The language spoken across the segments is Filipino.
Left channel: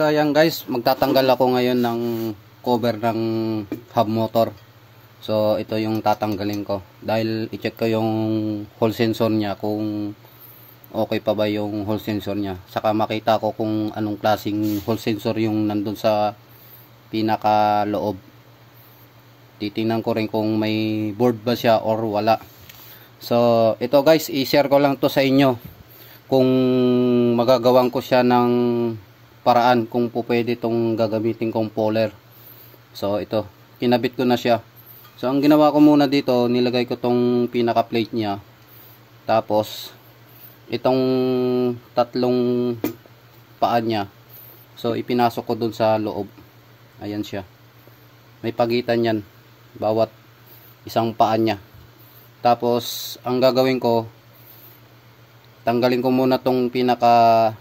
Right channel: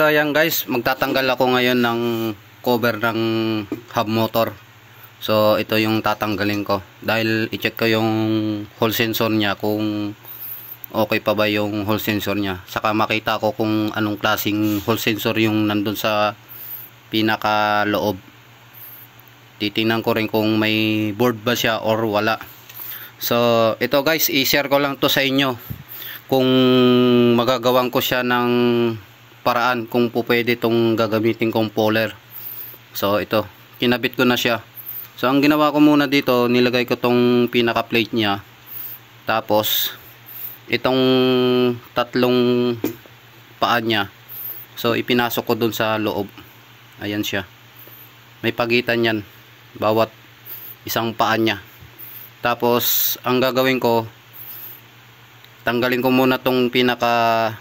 So ayan guys, magtatanggal ako ngayon ng cover ng hub motor. So ito yung tatanggalin ko dahil i-check ko yung hall sensor niya kung okay pa ba yung hall sensor niya. Saka makita ko kung anong klaseng hall sensor yung nandun sa pinaka loob. Titingnan ko rin kung may board ba siya or wala. So ito guys, i-share ko lang to sa inyo kung magagawan ko siya ng paraan kung po pwede itong gagamitin kong puller. So ito, kinabit ko na siya. So ang ginawa ko muna dito, nilagay ko tong pinaka plate niya, tapos itong tatlong paa niya, so ipinasok ko dun sa loob. Ayan siya, may pagitan yan bawat isang paa niya. Tapos ang gagawin ko, tanggalin ko muna tong pinaka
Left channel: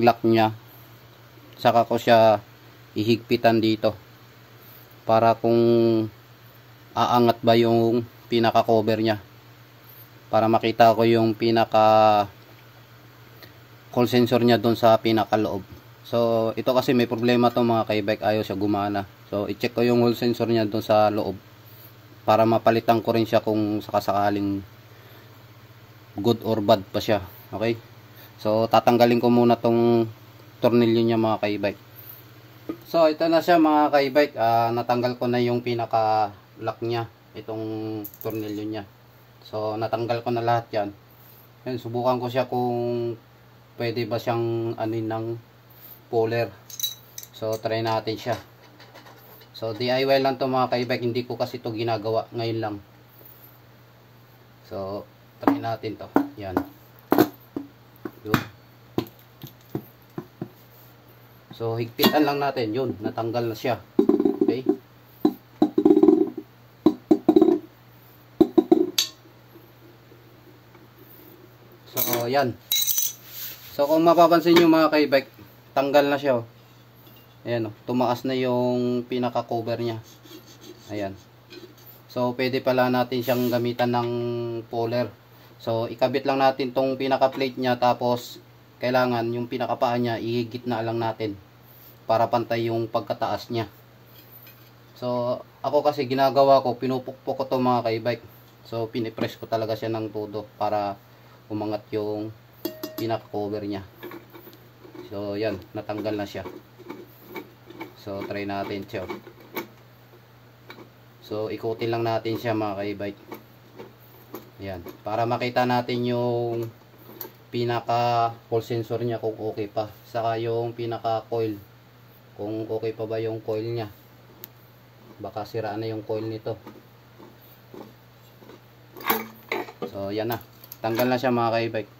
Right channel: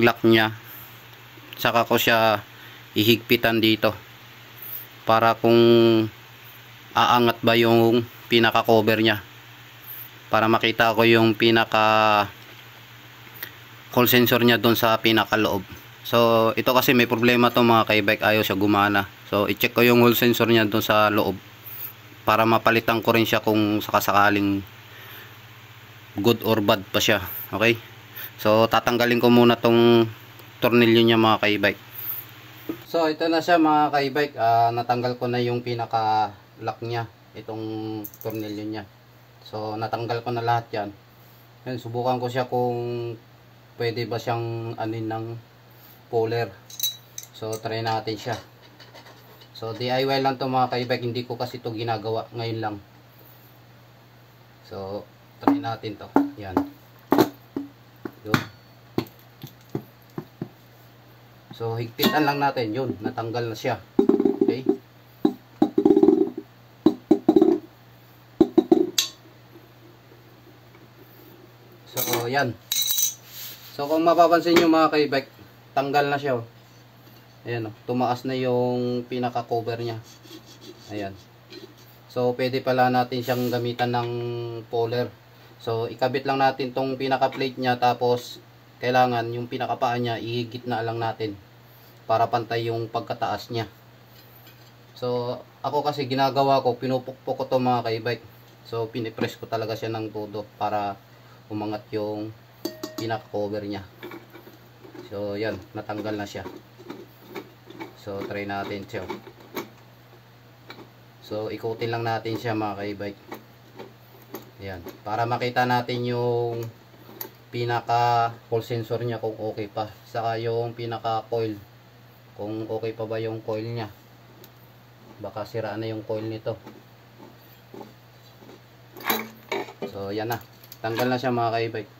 lock niya, saka ko siya ihigpitan dito para kung aangat ba yung pinaka cover niya, para makita ko yung pinaka hall sensor niya doon sa pinaka loob. So ito kasi may problema to mga ka-e-bike, ayaw siya gumana. So i-check ko yung hall sensor niya doon sa loob para mapalitan ko rin siya kung sakasakaling good or bad pa siya. Okay, so tatanggalin ko muna tong tornilyo niya mga ka-e-bike. So ito na siya mga ka-e-bike, natanggal ko na yung pinaka lock niya, itong tornilyo niya. So natanggal ko na lahat yan. Yan, subukan ko siya kung pwede ba siyang anin ng puller. So try natin siya. So DIY lang to mga ka-e-bike, hindi ko kasi to ginagawa ngayon lang. So try natin to. Yan. Yun. So higpitan lang natin, yun, natanggal na siya. Okay, so yan. So kung mapapansin nyo mga ka-e-bike, tanggal na siya. Ayan, tumaas na yung pinaka cover nya. Ayan. So pwede pala natin siyang gamitan ng puller. So ikabit lang natin tong pinaka plate nya, tapos kailangan yung pinaka paa nya ihigit na lang natin para pantay yung pagkataas niya. So ako kasi ginagawa ko, pinupukpok ko to mga ka-e-bike. So pinipress ko talaga siya ng todo para umangat yung pinaka cover niya. So yan, natanggal na siya. So try natin siya. So ikutin lang natin siya mga ka-e-bike. Yan, para makita natin yung pinaka hall sensor niya kung okay pa, saka yung pinaka coil kung okay pa ba yung coil niya. Baka sira na yung coil nito. So yan na, tanggal na siya mga ka-e-bike.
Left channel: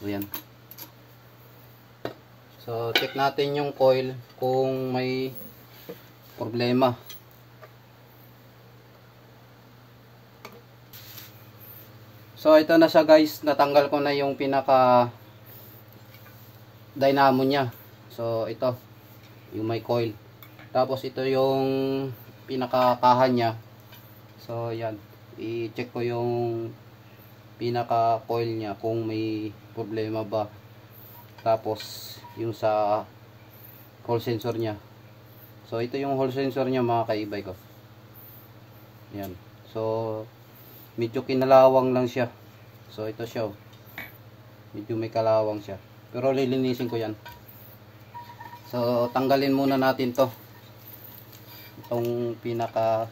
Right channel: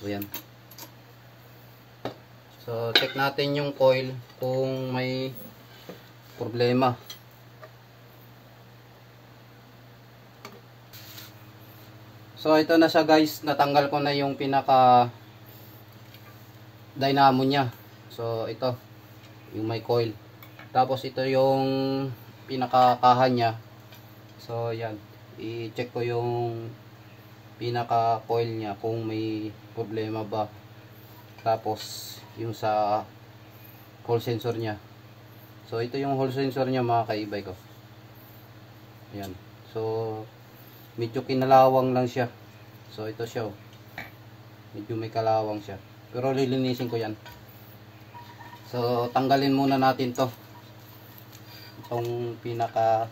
So yan. So check natin yung coil kung may problema. So ito na siya guys, natanggal ko na yung pinaka dynamo niya. So ito yung may coil, tapos ito yung pinaka kaha niya. So yan, i-check ko yung pinaka coil niya kung may problema ba, tapos yung sa hall sensor niya. So ito yung hall sensor niya mga ka-e-bike ko. Yan, so medyo kinalawang lang siya. So ito siya, medyo may kalawang siya, pero lilinisin ko yan. So tanggalin muna natin to, itong pinaka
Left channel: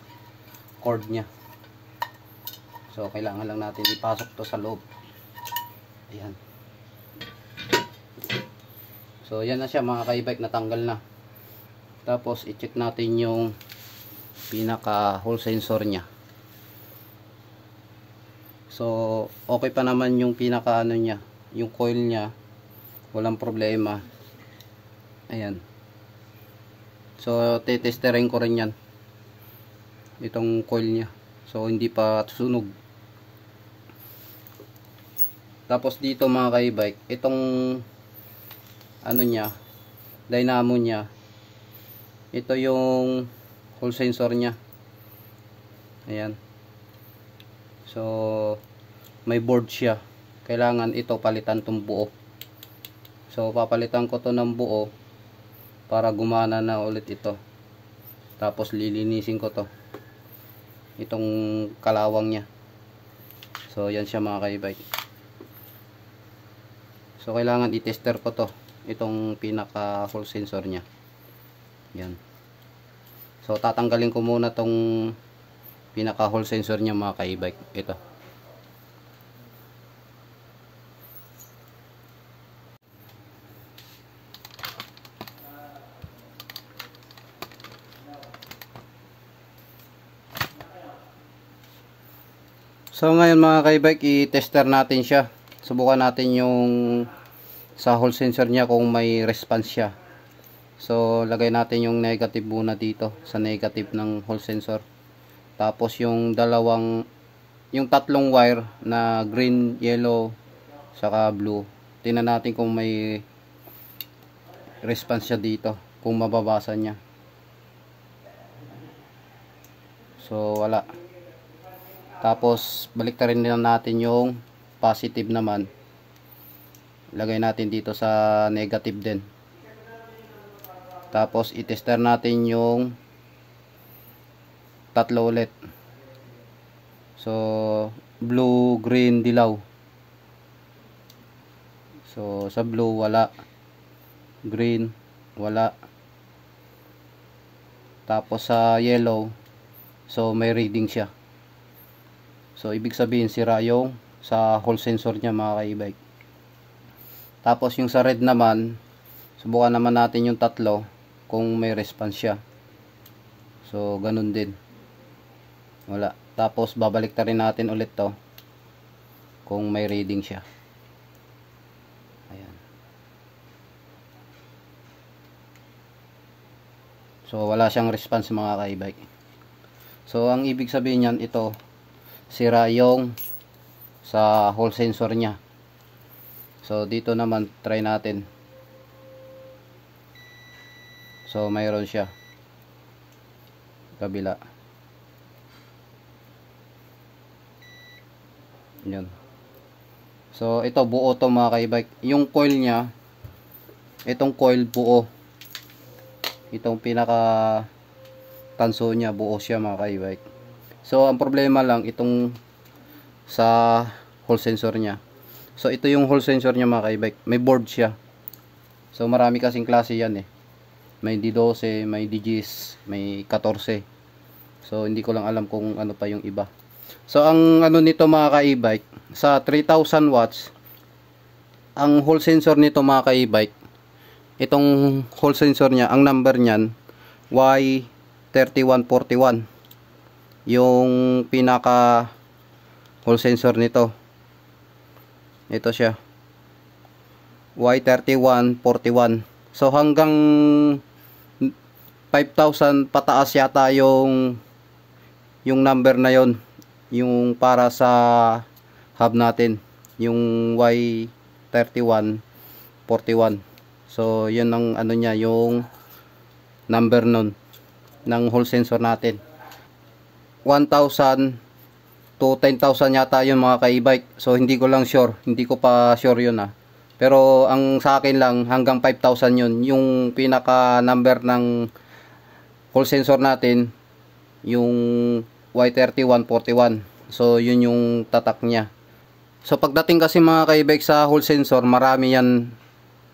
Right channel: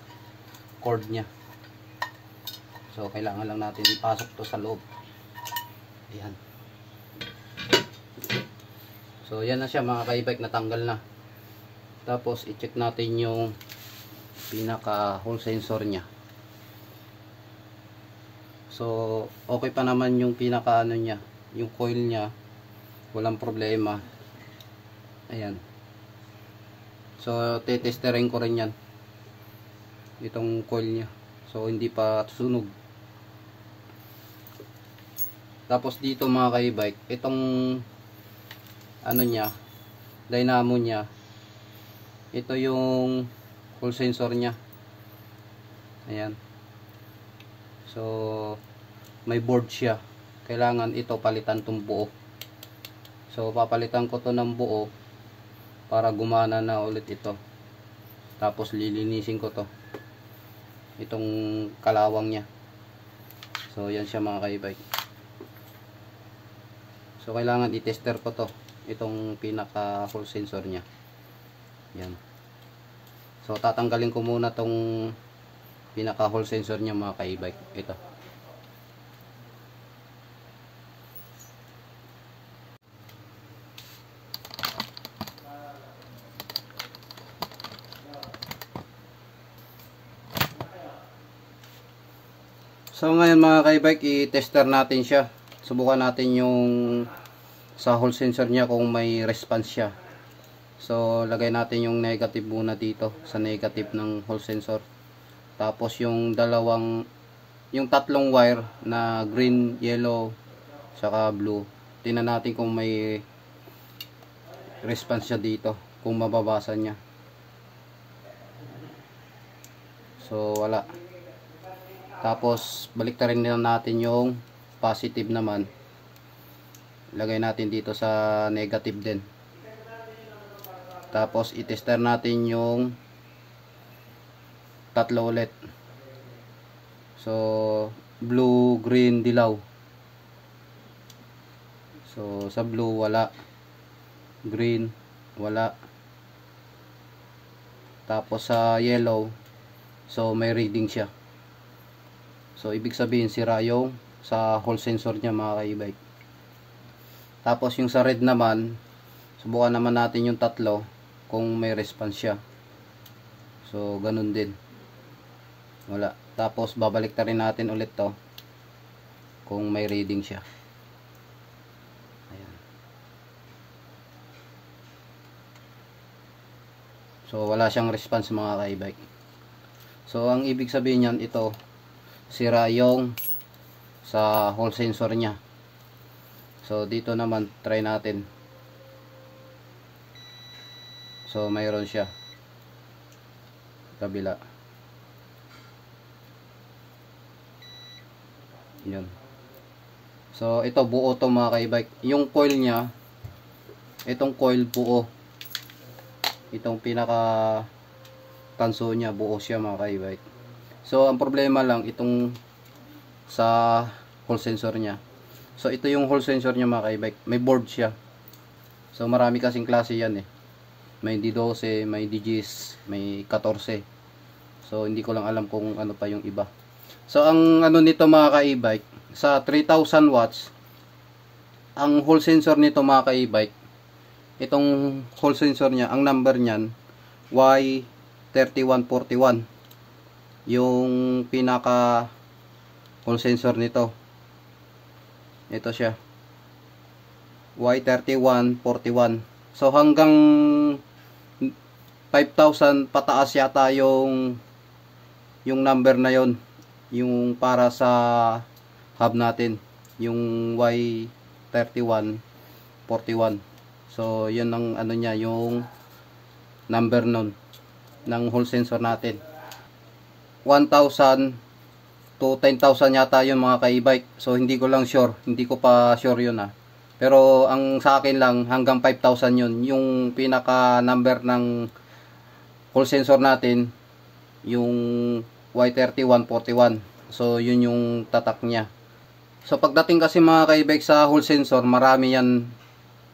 cord nya. So kailangan lang natin ipasok to sa loob. Ayan. So yan na siya mga ka-e-bike, natanggal na. Tapos i-check natin yung pinaka hall sensor nya. So okay pa naman yung pinaka ano nya, yung coil nya, walang problema. Ayan. So tetesterin ko rin yan, itong coil nya. So hindi pa sunog. Tapos dito mga ka-e-bike, itong ano nya, dynamo nya, ito yung hall sensor nya. Ayan. So may board siya, kailangan ito palitan tong buo. So papalitan ko to ng buo para gumana na ulit ito. Tapos lilinisin ko to, itong kalawang nya. So yan siya mga ka-e-bike. So kailangan i-tester ko to, itong pinaka hole sensor nya. Yan. So tatanggalin ko muna tong pinaka hole sensor nya mga ka-e-bike. Ito. So ngayon mga ka-e-bike, i-tester natin siya. Subukan natin yung sa hole sensor niya kung may response siya. So lagay natin yung negative muna dito sa negative ng hole sensor. Tapos yung tatlong wire na green, yellow, saka blue. Tingnan natin kung may response siya dito, kung mababasa niya. So wala. Tapos baliktarin din natin yung positive naman. Lagay natin dito sa negative din. Tapos i-tester natin yung tatlo ulit. So blue, green, dilaw. So sa blue wala, green wala, tapos sa yellow, so may reading siya. So ibig sabihin sira yung sa hole sensor niya mga ka-e-bike. Tapos yung sa red naman, subukan naman natin yung tatlo kung may response siya. So ganun din, wala. Tapos babalik ta rin natin ulit to kung may reading siya. Ayan. So wala siyang response mga ka-e-bike. So ang ibig sabihin niyan, ito sira yung sa hole sensor nya. So dito naman try natin. So mayroon siya kabila. Yun. So ito buo to mga ka-e-bike. Yung coil nya, itong coil buo. Itong pinaka tanso nya buo siya mga ka-e-bike. So ang problema lang itong sa hole sensor nya. So ito yung hole sensor nya mga ka-e-bike. May board siya. So marami kasing klase yan eh. May D12, may D10, may 14. So hindi ko lang alam kung ano pa yung iba. So ang ano nito mga ka-e-bike, sa 3000 watts, ang hole sensor nito mga ka-e-bike, itong hole sensor nya, ang number niyan Y3141. Yung pinaka hole sensor nito, ito siya, Y3141. So hanggang 5,000 pataas yata yung number na yon, yung para sa hub natin, yung Y3141. So yun ang ano niya, yung number nun ng hole sensor natin. 1,000 to 10,000 yata yun mga ka-e-bike. So hindi ko lang sure, hindi ko pa sure yun Pero ang sa akin lang hanggang 5,000 yun, yung pinaka number ng hole sensor natin, yung Y3141. So yun yung tatak niya. So pagdating kasi mga ka-e-bike sa hole sensor, marami yan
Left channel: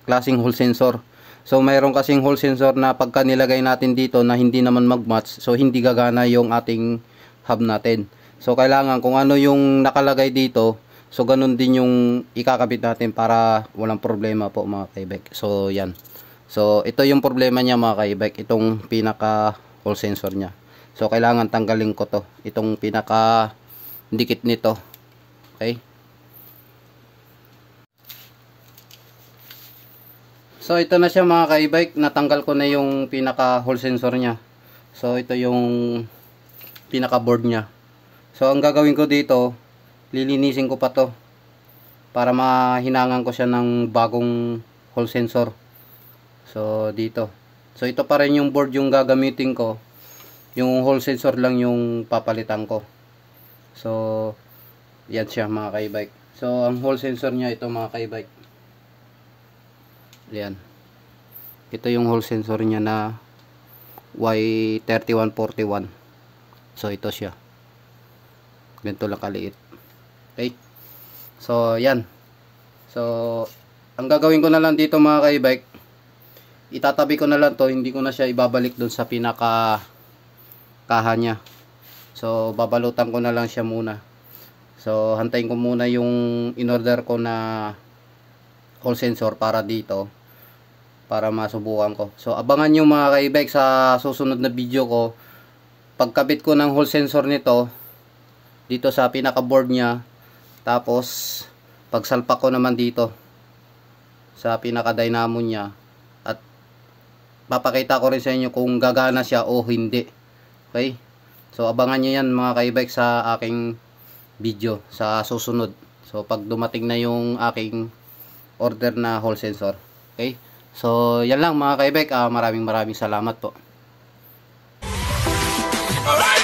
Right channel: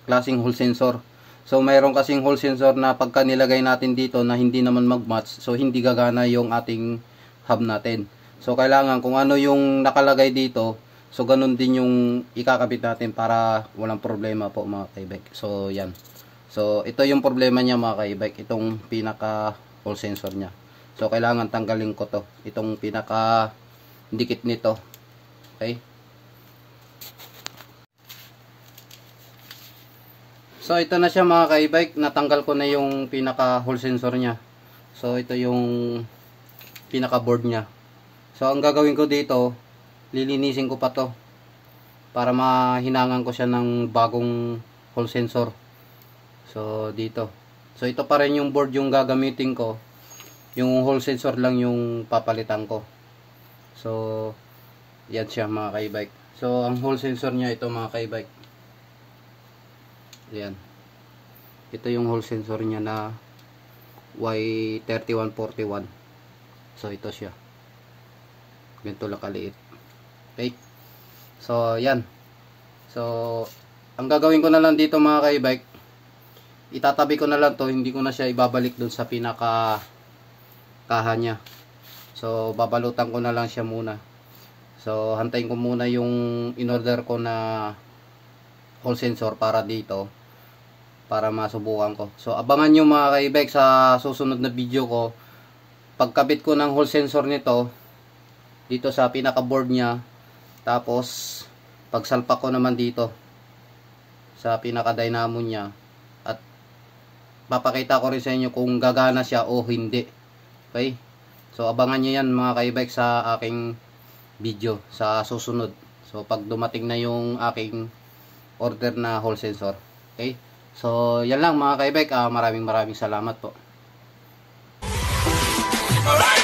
klaseng hole sensor. So mayroon kasing hole sensor na pagka nilagay natin dito na hindi naman mag-match, so hindi gagana yung ating hub natin. So kailangan kung ano yung nakalagay dito, so ganun din yung ikakabit natin para walang problema po mga ka-e-bike. So yan. So ito yung problema niya mga ka-e-bike, itong pinaka hole sensor niya. So kailangan tanggalin ko to, itong pinaka dikit nito. Okay? So ito na siya mga ka-e-bike, natanggal ko na yung pinaka hole sensor niya. So ito yung pinaka board niya. So ang gagawin ko dito, lilinisin ko pa to para mahinangan ko siya ng bagong hole sensor. So dito. So ito pa rin yung board yung gagamitin ko. Yung hole sensor lang yung papalitan ko. So yan siya mga ka-e-bike. So ang hole sensor niya ito mga ka-e-bike. Yan. Ito yung hall sensor niya na Y3141. So ito siya. Ganito lang kaliit. Okay. So yan. So ang gagawin ko na lang dito mga ka-e-bike, itatabi ko na lang to, hindi ko na siya ibabalik doon sa pinaka kaha niya. So babalutan ko na lang siya muna. So hantayin ko muna yung in-order ko na hall sensor para dito, para masubukan ko. So abangan nyo mga ka-e-bike sa susunod na video ko, pagkabit ko ng hall sensor nito dito sa pinaka board niya, tapos pagsalpak ko naman dito sa pinaka dynamo niya, at papakita ko rin sa inyo kung gagana siya o hindi. Okay, so abangan nyo yan mga ka-e-bike sa aking video sa susunod. So pag dumating na yung aking order na hall sensor. Okay, so yan lang mga ka-e-bike. Maraming salamat po. Alright.